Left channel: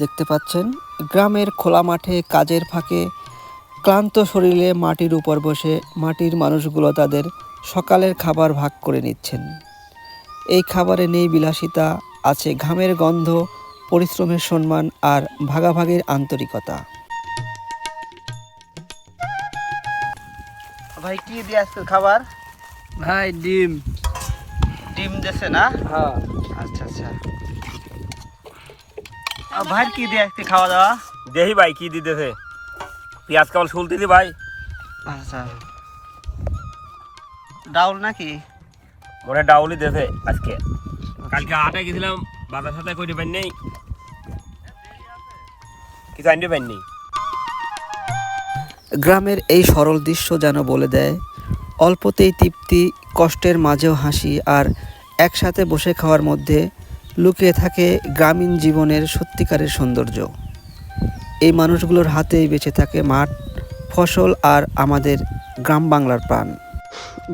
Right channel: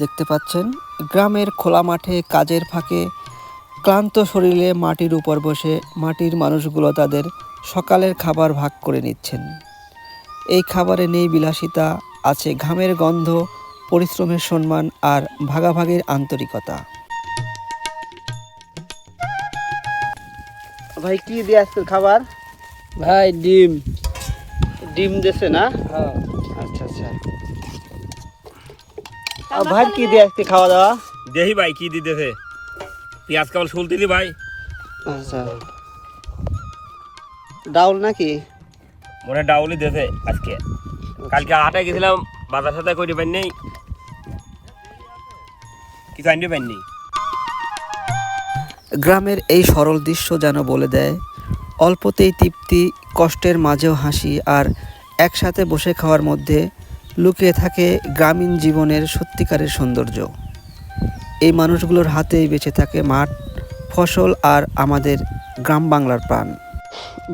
দেখতে পাচ্ছেন গ্রামের খোলা মাঠে কাজের ফাঁকে ক্লান্ত শরীরে মাটির উপর বসে মাটির মানুষগুলো তাদের সকালের খাবার ভাগ করে নিচ্ছেন। এই খাবারে নেই বিলাসিতা, আছে ঘামের গন্ধ, পরিশ্রমের সম্মান আর ভাগাভাগির আন্তরিকতা। ভাই কি দিয়ে আজকে খাবার? ভাই ডিম ডিম দিছে না? হ্যাঁ। আচ্ছা আচ্ছা। ভাই কি দিয়ে আজকে খাওয়া দাওয়া? দেখি ভাই কি দিতেছে, পেঁয়াজ কেবল শুলতে দি ভাই। আচ্ছা, ডাউল নাকি? মনে ডাউলি দেছে আজকে। কালকে হাটে গেছিলাম, বাজার সাথে করি পাই নেই, কিছু আনতে পারিনি। গ্রামের এই সরল দৃশ্য যেন বলে দেয় অল্পতেই তৃপ্তি, কষ্টের মাঝেও হাসি, আর একসাথে বসে খাওয়ার মধ্যে লুকিয়ে থাকে গ্রামীণ জীবনের সত্যিকারের সৌন্দর্য। এই মানুষগুলোর হাতেই বেঁচে থাকে মাঠ, ফসল আর আমাদের গ্রাম বাংলার প্রাণ।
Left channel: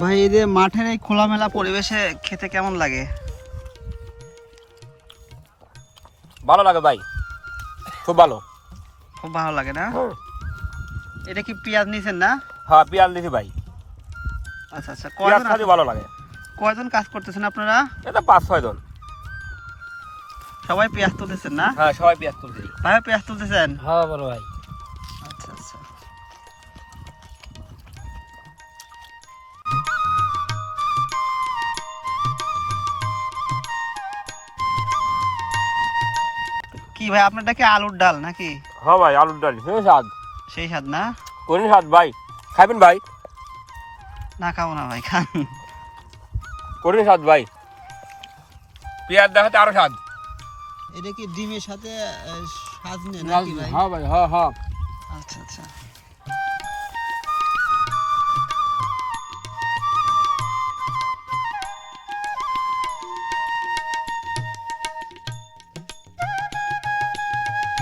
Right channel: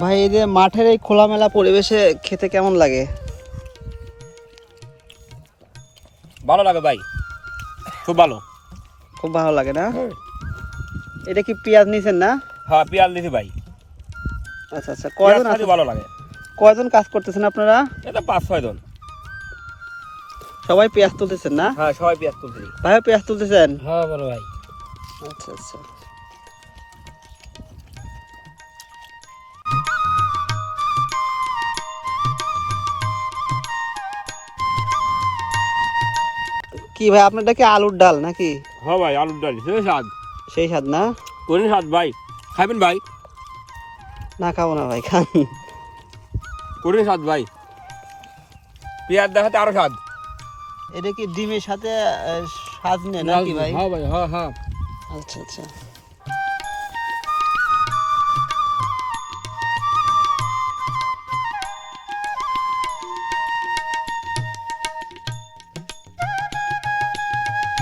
ভাই এই যে মাঠের এই খোলামেলা পরিবেশে খেতে কেমন লাগে? ভালো লাগে ভাই, খুব ভালো। খুব ভালো লাগে না? এটা কি পেঁয়াজ নিছেন না? হ্যাঁ পেঁয়াজ দিছি ভাই। আচ্ছা আচ্ছা। পেঁয়াজ খাতে ভালো লাগে। কয়জন কাজ করতেছেন আপনারা? এটা 5-6 জন। সবাই পেঁয়াজ তুলতেছেন না? হ্যাঁ সবাই পেঁয়াজ তুলছি। ভাই পেঁয়াজ তুলতেছেন? হ্যাঁ বড় ভাই। আচ্ছা আচ্ছা। কি ভাই আপনারটা কি আলুর ডাল নাকি? হ্যাঁ ভাই আলুর ডাল, সেই স্বাদ। সেই স্বাদ না? কোন স্বাদ ভাই, খাবেন ভাই? না খাবো না ভাই, খান। কোন স্বাদ ভাই, পেঁয়াজ দেখাতে আরো স্বাদ। এটা কি ডিমের সাথে সাজনে নাকি ভাই? হ্যাঁ ভাই, হ্যাঁ হ্যাঁ। আচ্ছা আচ্ছা।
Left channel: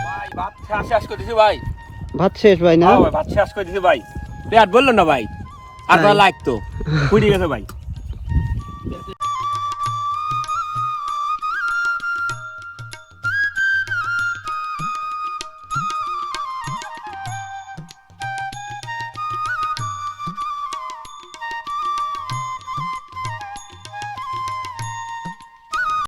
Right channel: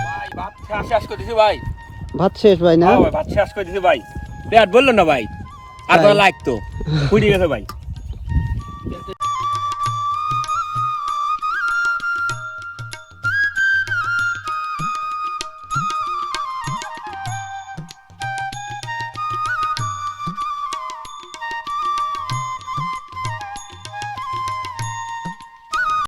ভাই ভাত শেষ করে দিছি ভাই। ভাত শেষ ভাই না? হ্যাঁ ভাই ভাত শেষ করে দিছি ভাই। পেট বললো না ভাই, আর লাগতো ফুটে গেছে ভাই।